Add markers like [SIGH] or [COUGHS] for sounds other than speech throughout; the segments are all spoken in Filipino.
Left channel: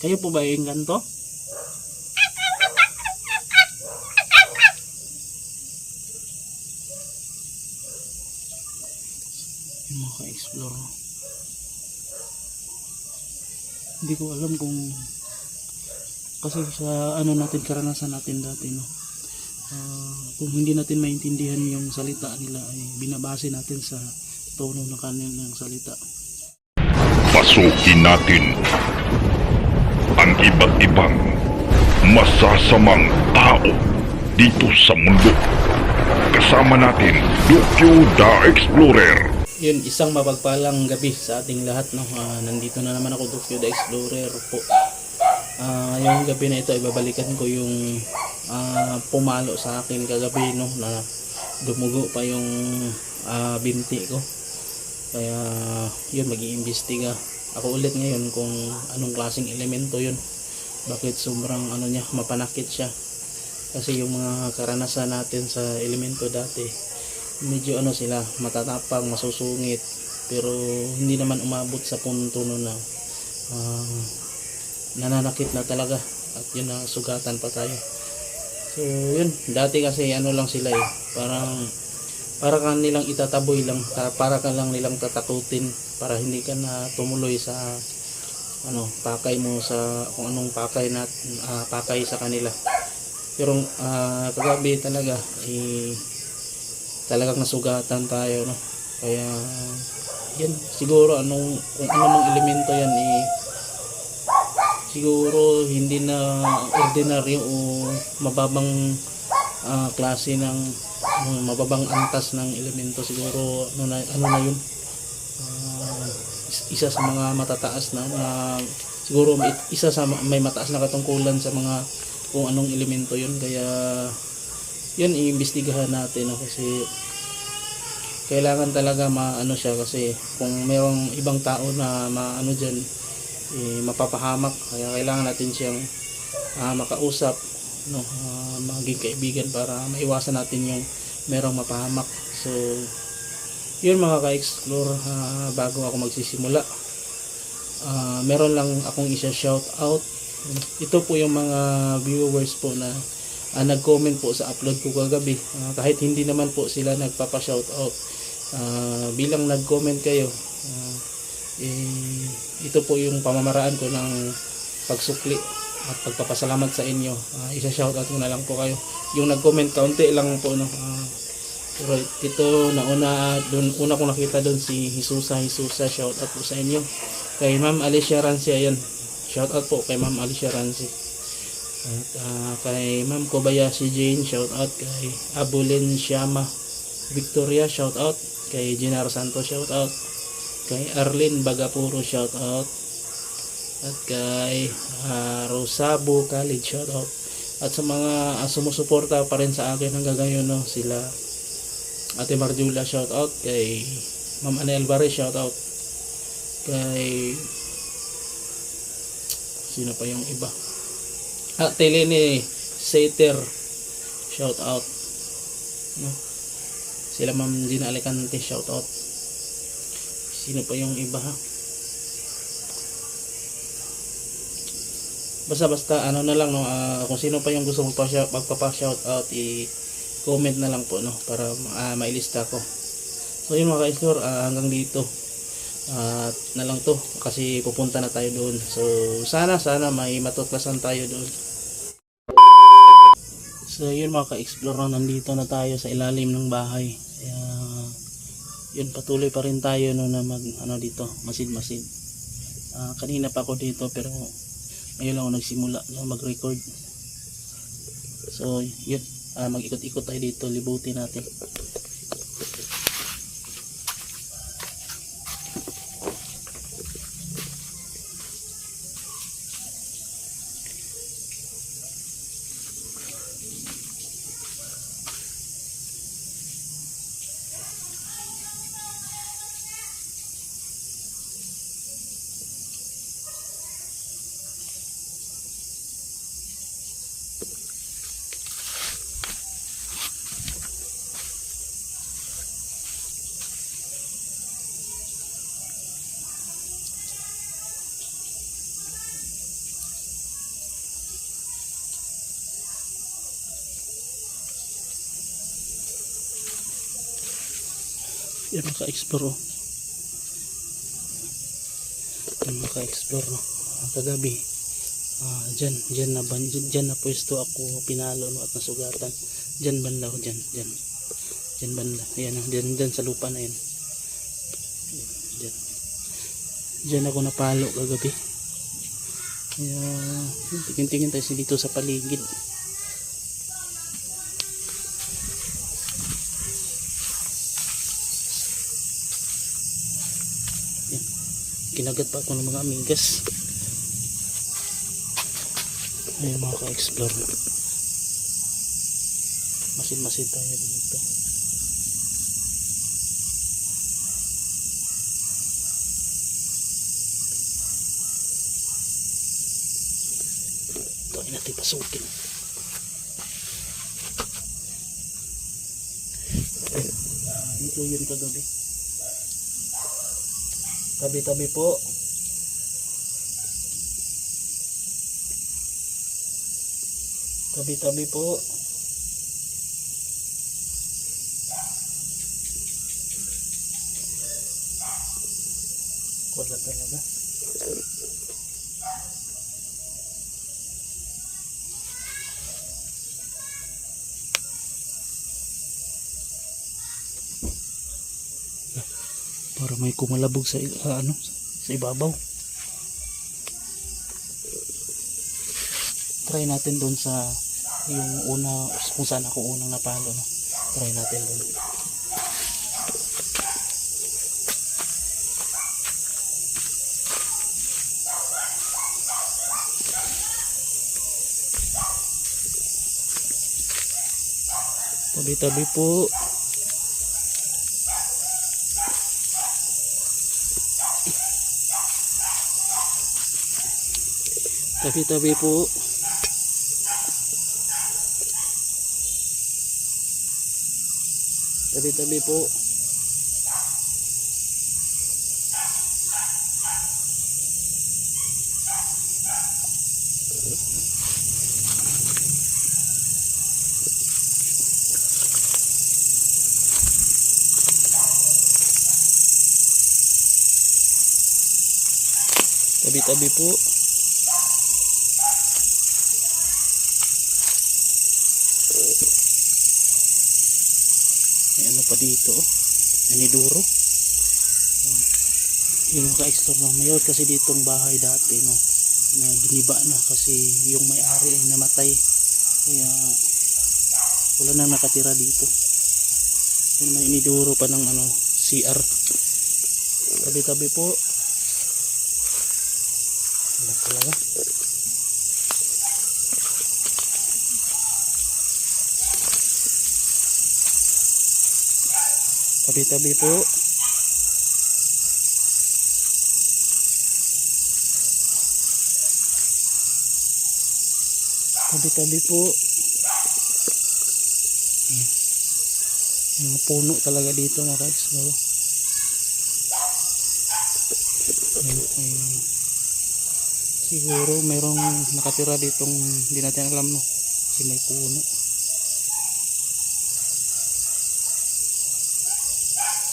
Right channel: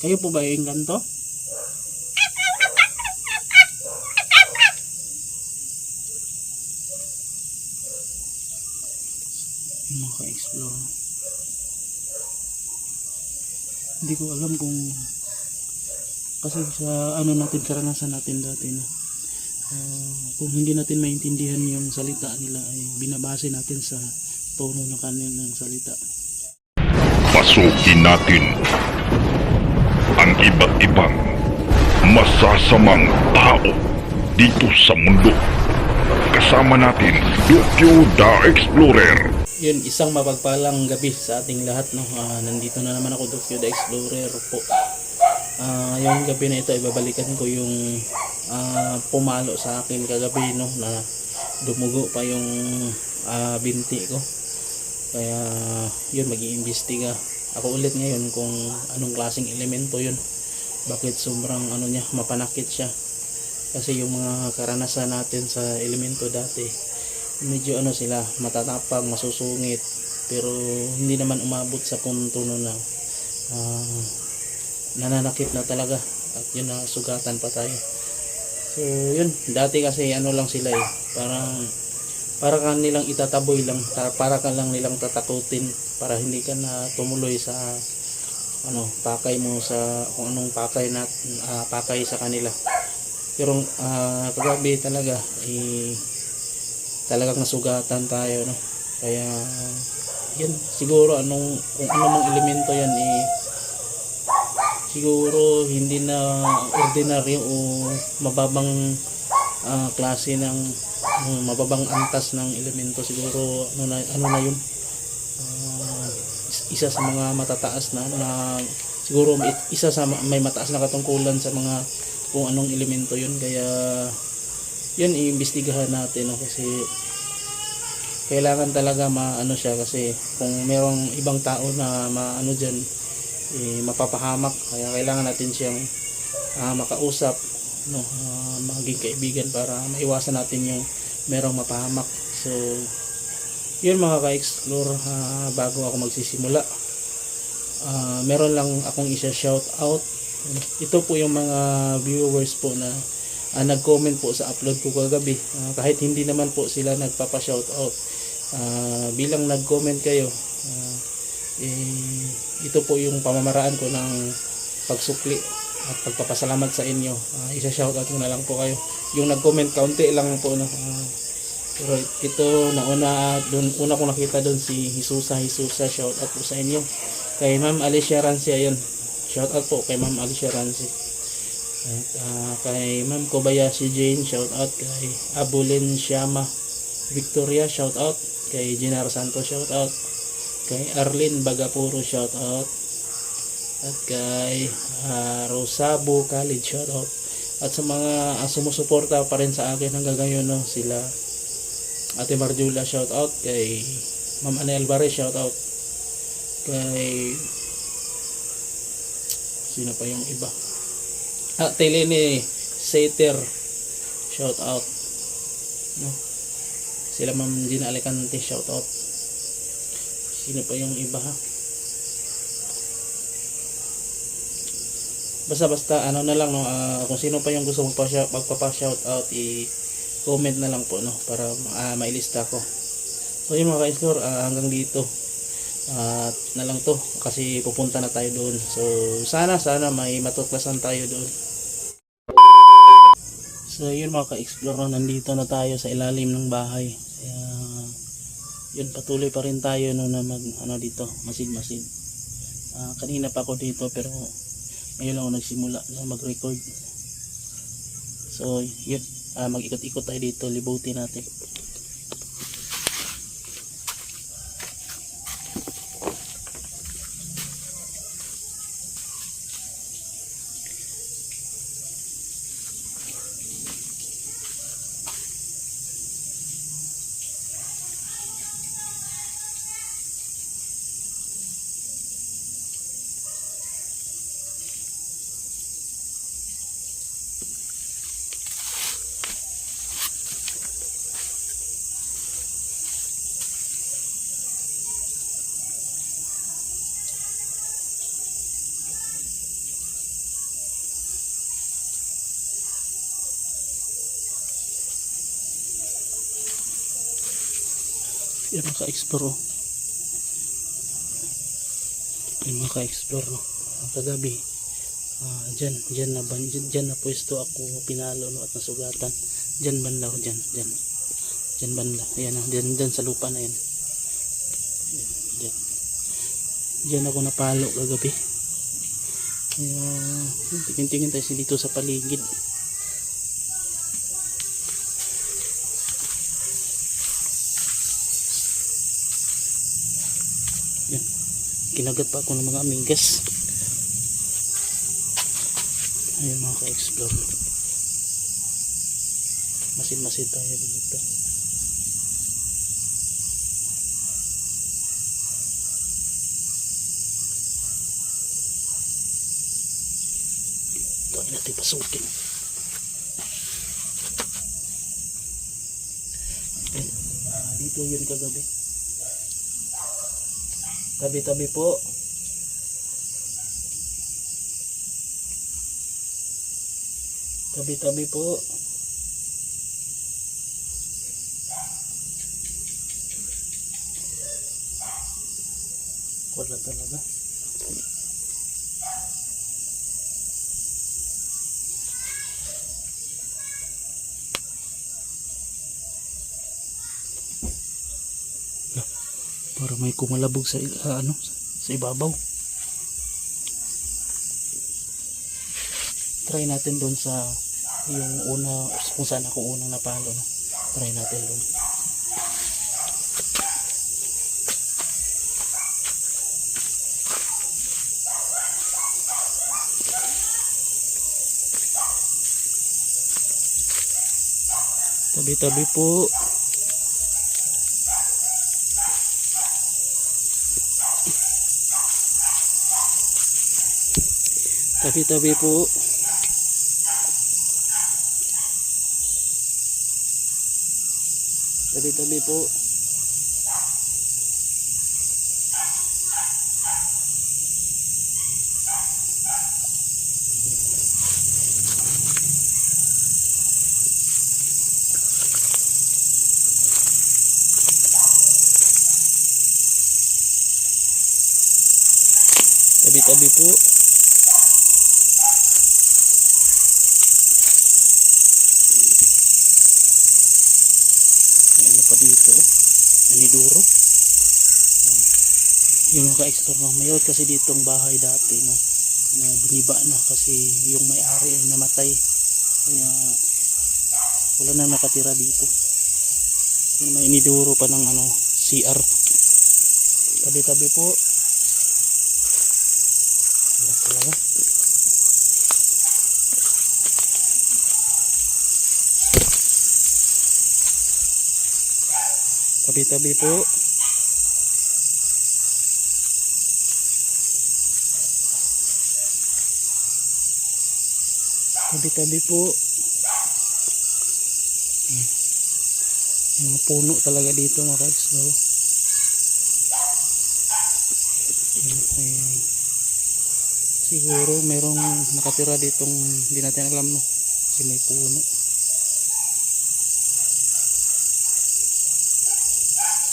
Kayo po ba yung ganto? Yung mga ka-explore. no? Hindi ko alam kung kasi sa ano natin karanasan natin dati no. Ah, kung hindi natin maintindihan yung salita nila ay binabase natin sa tono ng kanilang salita. Pasukin natin iba't ibang masasamang tao dito sa mundo. Kasama natin, Dokyo the Explorer. Yun, isang mapagpalang gabi sa ating lahat. No? Ah, nandito na naman ako, Dokyo the Explorer po. Ah, yung gabi na ito, ibabalikan ko yung ah, pumalo sa akin kagabi no, na dumugo pa yung ah, binti ko. Kaya yun, mag-iimbestiga. Ako ulit ngayon kung anong klaseng elemento yun. Bakit sobrang ano niya, mapanakit siya. Kasi yung mga karanasan natin sa elemento dati, medyo ano sila matatapang masusungit. Pero hindi naman umabot sa punto no na ah, nananakit na talaga. At yun na sugatan pa tayo. So yun. Dati kasi ano lang sila eh parang para ka nilang itataboy lang para, para ka lang nilang tatakutin para hindi ka na tumuloy sa ano pakay mo sa kung anong pakay na ah, pakay sa kanila. Pero ah, kagabi talaga eh, talagang nasugatan tayo no? Kaya yan siguro anong kung ano mang elemento yan eh siguro hindi na ordinaryo o mababang ah, klase ng mababang antas ng elemento siguro ano na ano na yun isa sa mga matataas na na siguro may- isa sa ma- may mataas na katungkulan sa mga kung anong elemento yun. Kaya yun iimbestigahan natin no? kasi kailangan talaga maano siya kasi kung merong ibang tao na maano diyan eh, mapapahamak. Kaya kailangan natin siyang ah, makausap no? Ah, maging kaibigan para maiwasan natin yung merong mapahamak. So yun mga ka-explore ah, bago ako magsisimula. Ah, meron lang akong isa shout out ito po yung mga viewers po na ah, nag-comment po sa upload ko kagabi. Ah, kahit hindi naman po sila nagpapa-shout out Ah, bilang nag-comment kayo ah, eh, ito po yung pamamaraan ko ng pagsukli at pagpapasalamat sa inyo. Ah, isa shout out ko na lang po kayo. Yung nag-comment kaunti lang po no? Ah, pero ito nauna doon una ko nakita doon si Hisusa Hisusa shout out po sa inyo. Kay Ma'am Alicia Ranci ayan shout out po kay Ma'am Alicia Ranci at ah, kay Ma'am Kobayashi Jane shout out kay Abulin Shama Victoria shout out. Kay Ginar Santos shout out. Kay Arlene Bagapuro shout out. At kay ah, Rosabo College shout out. At sa mga ah, sumusuporta pa rin sa akin hanggang ngayon no, sila Ate Marjula shout out kay Ma'am Ana Alvarez shout out kay sino pa yung iba? Ah Telene Sater shout out no? Sila Ma'am Gina Alicante shout out. Sino pa yung iba ha? Basta basta ano na lang no? Ah, kung sino pa yung gusto magpa-shout magpapa-shout out i comment na lang po no para ah, mailista ko. So yun mga ka-explore ah, hanggang dito. At na lang to kasi pupunta na tayo doon. So sana sana may matuklasan tayo doon. So yun mga ka-explore no, nandito na tayo sa ilalim ng bahay. Kaya yun patuloy pa rin tayo no na mag ano dito masid masid Ah, kanina pa ako dito pero ngayon lang ako nagsimula na mag-record. So yun ah, mag-ikot-ikot tayo dito. Libutin natin Yan mga ka-explore oh. Yan mga ka-explore no. Ang kagabi. Ah, dyan, dyan na ban, dyan, dyan na pwesto ako pinalo no at nasugatan. Dyan banda oh, dyan, dyan. Dyan banda. Ayan oh, dyan, dyan sa lupa na yan. Dyan. Dyan ako napalo kagabi. Kaya, tingin-tingin tayo dito sa paligid. Yan. Kinagat pa ako ng mga amigas. Ayun mga ka-explore. Masin-masin tayo dito. Ito ay natin pasukin. Ah, Dito yun kagabi. Tabi-tabi po. Tabi-tabi po. Wala talaga. Para may kumalabog sa ah, ano sa ibabaw. Try natin doon sa yung una kung saan ako unang napalo no. Try natin doon. Tabi-tabi po. Tabi-tabi po. Tabi-tabi po. Tabi-tabi po. May ano pa dito. oh. Naniduro. Ayan. Yung ka-explore mayor kasi ditong bahay dati no na giniba na kasi yung may-ari ay namatay. Kaya wala nang nakatira dito. Yan may iniduro pa ng ano CR. Tabi-tabi po. Wala talaga. Tabi-tabi po. Tabi-tabi po. Mga puno talaga dito mga ayan. Siguro merong nakatira ditong hindi natin alam no. Kasi may puno.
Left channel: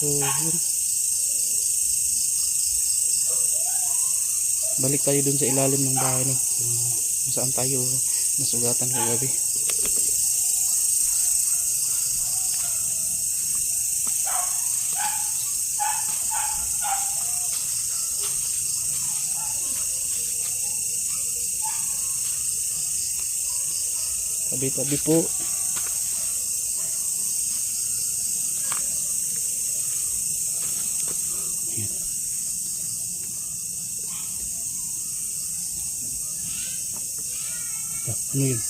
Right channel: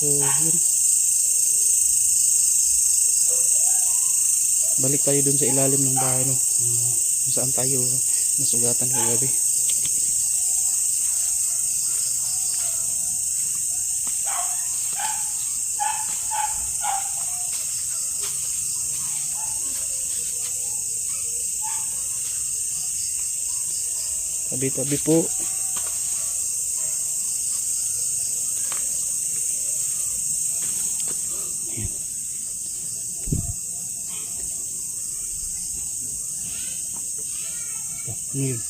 So, yun. Balik tayo dun sa ilalim ng bahay, no? Saan tayo nasugatan kagabi. Tabi-tabi po. Ano yun?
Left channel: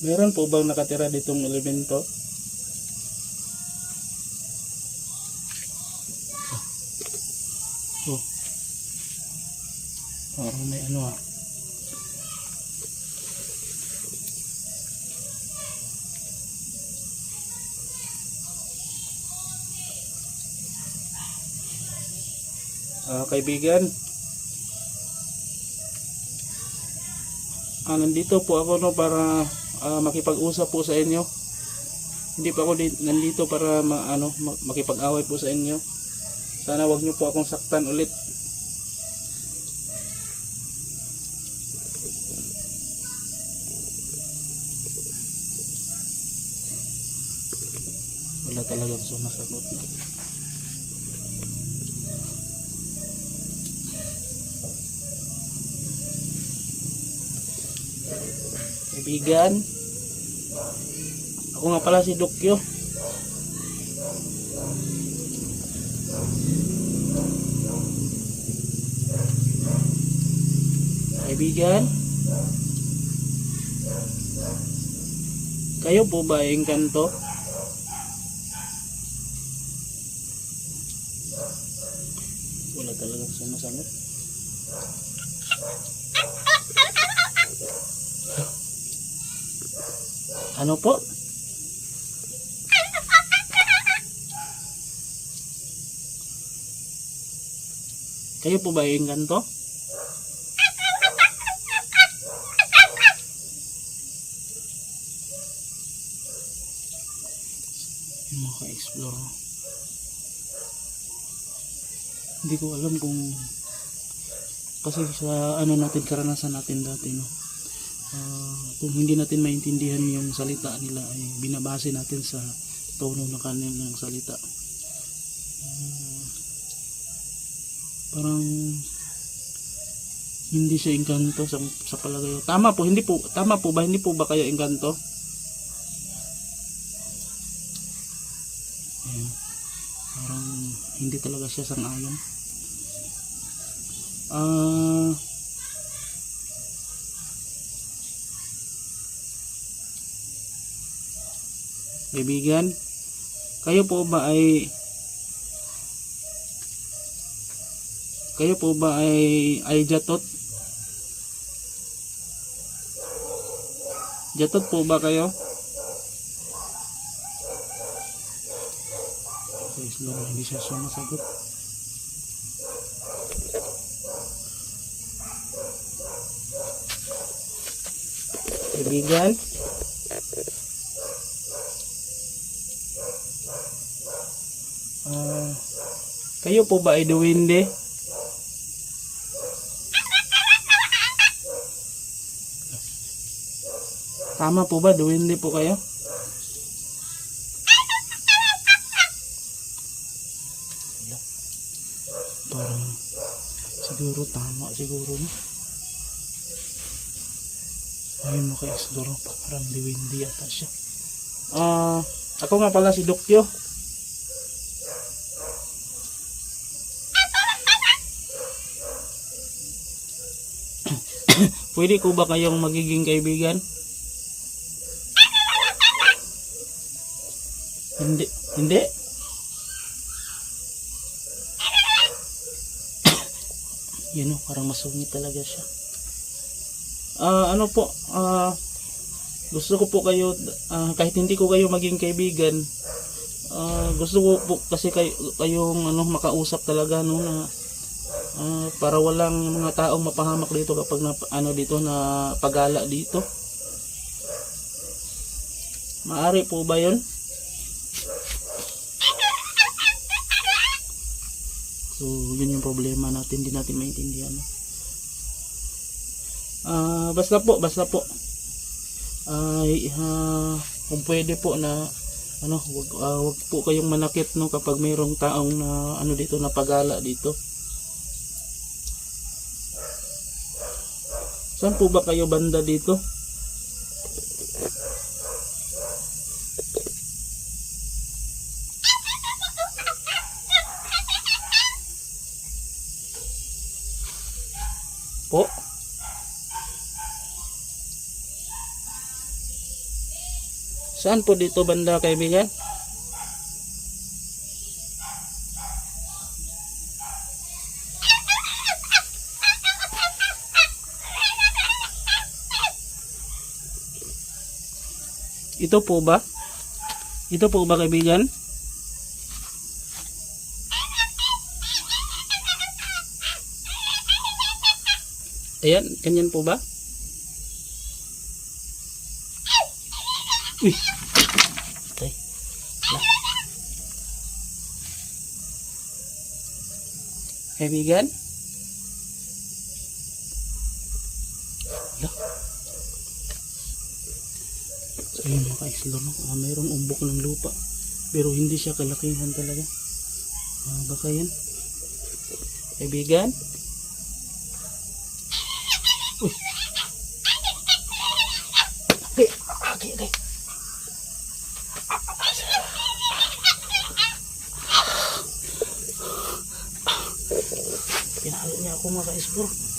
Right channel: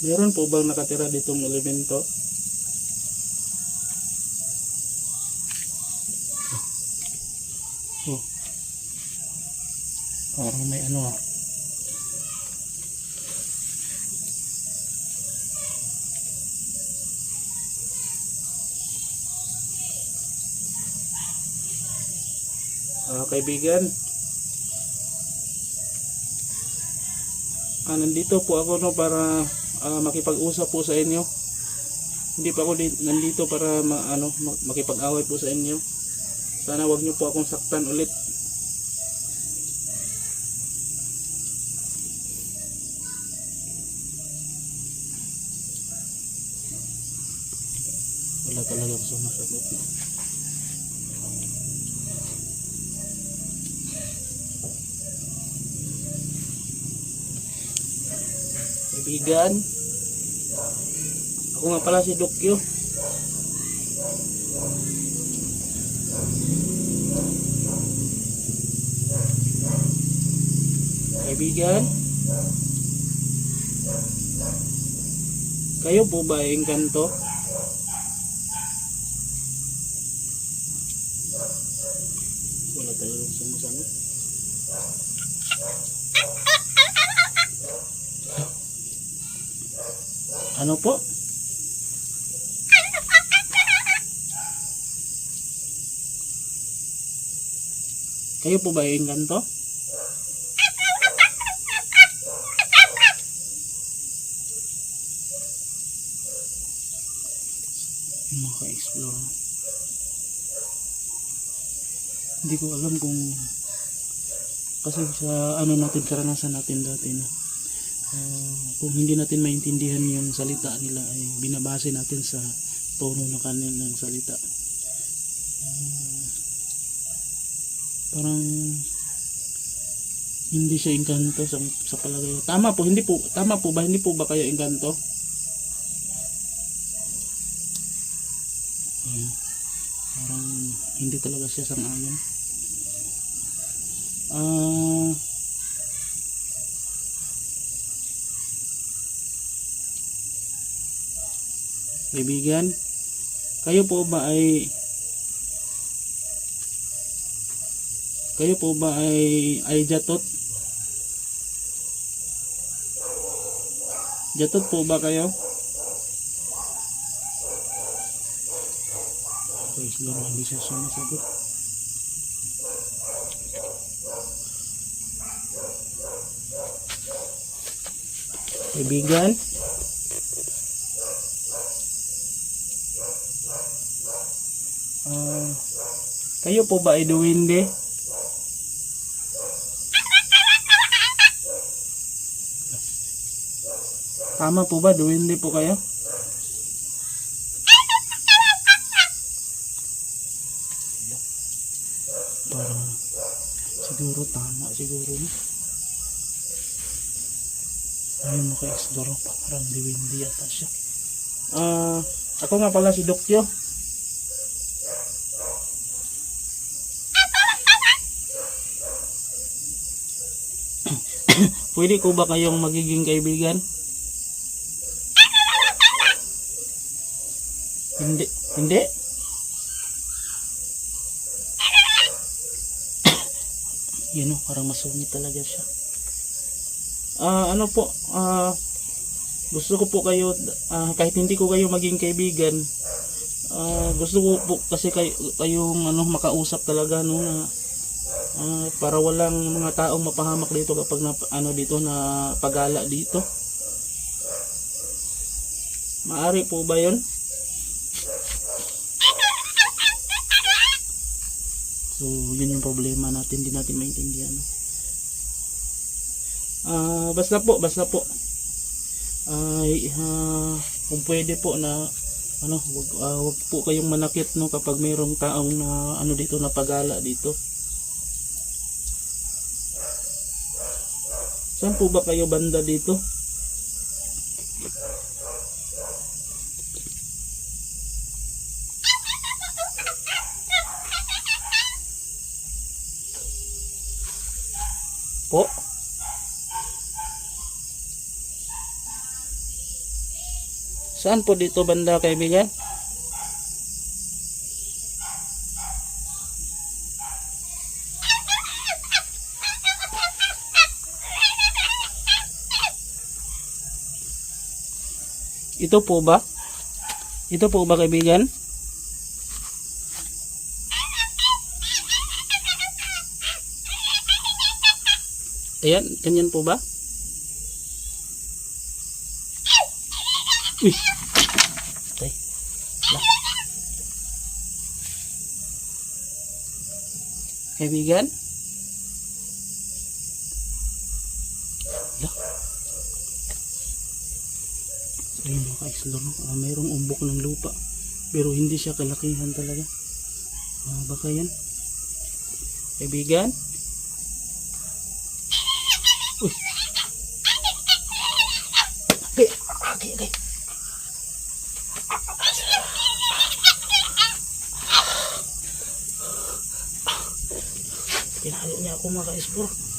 Meron po bang nakatira ditong elemento? Oh. Parang may ano ah. Ah, kaibigan. Ah, nandito po ako no para ah, makipag-usap po sa inyo. Hindi pa ako di, nandito para ma, ano, ma- makipag-away po sa inyo. Sana wag niyo po akong saktan ulit. Wala talagang sumasagot na. Kaibigan. Ako nga pala si Dokyo. Kaibigan. Kayo po ba ay engkanto? Wala talagang sumasagot. Ano po? Kayo po ba ay engkanto? Maka-explore. Hindi ko alam kung kasi sa ano natin karanasan natin dati no. Ah, kung hindi natin maintindihan yung salita nila ay binabase natin sa tono ng kanilang salita. Ah, parang hindi siya engkanto sa, sa palagay. Tama po, hindi po, tama po ba? Hindi po ba kayo engkanto? Ayan. Parang hindi talaga siya sang-ayon. Ah, kaibigan, kayo po ba ay kayo po ba ay ay jatot? Jatot po ba kayo? Guys, hindi siya sumasagot. Kaibigan? Kayo po ba ay duwinde? Tama po ba? Duwinde po kayo? Parang siguro tama siguro no? Ayun maka-explore pa. Parang diwindi yata siya. Ah, ako nga pala si Dokyo. Pwede ko ba kayong magiging kaibigan? Hindi. Hindi? [COUGHS] Yan o, parang masungit talaga siya. Ah, ano po, ah, gusto ko po kayo, ah, kahit hindi ko kayo maging kaibigan, ah, gusto ko po kasi kayo, kayong ano, makausap talaga no, na ah, para walang mga taong mapahamak dito kapag na, ano dito na pagala dito. Maari po ba yun? So, yun yung problema natin, hindi natin maintindihan. no? Ah, basta po, basta po. Ay, ah, kung pwede po na ano, wag, ah, wag po kayong manakit no kapag mayroong taong na ano dito na pagala dito. Saan po ba kayo banda dito? Po? Saan po dito banda kaibigan? Ito po ba? Ito po ba kaibigan? Ayan, ganyan po ba? Uy! Tay. Kaibigan? Kaibigan? So yun mga ka-explore, no? Ah, mayroong umbok ng lupa. Pero hindi siya kalakihan talaga. Ah, baka yan. Kaibigan? Uy! Okay, okay, okay. Pinalo niya ako mga ka-explore.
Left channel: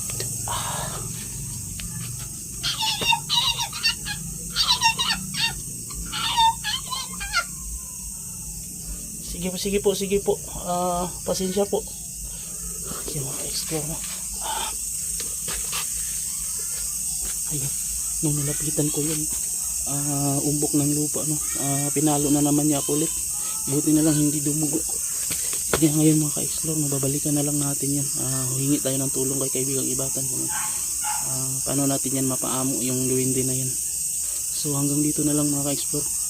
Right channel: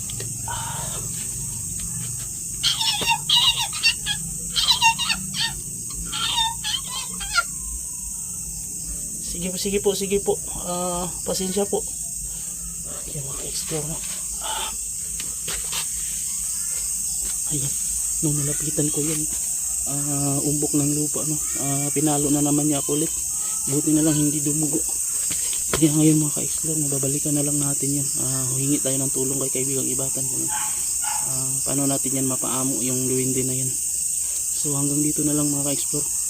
Sige po, sige po. Ah, pasensya po. Yung mga explore mo. Ah. Ayan. Nung nalapitan ko yung ah, umbok ng lupa, no? Ah, pinalo na naman niya ako ulit. Buti na lang hindi dumugo. Kaya ngayon mga ka-explore, mababalikan na lang natin yan. Ah, huhingi tayo ng tulong kay kaibigang ibatan kung ah, paano natin yan mapaamo yung luwindi na yan. So hanggang dito na lang mga ka-explore.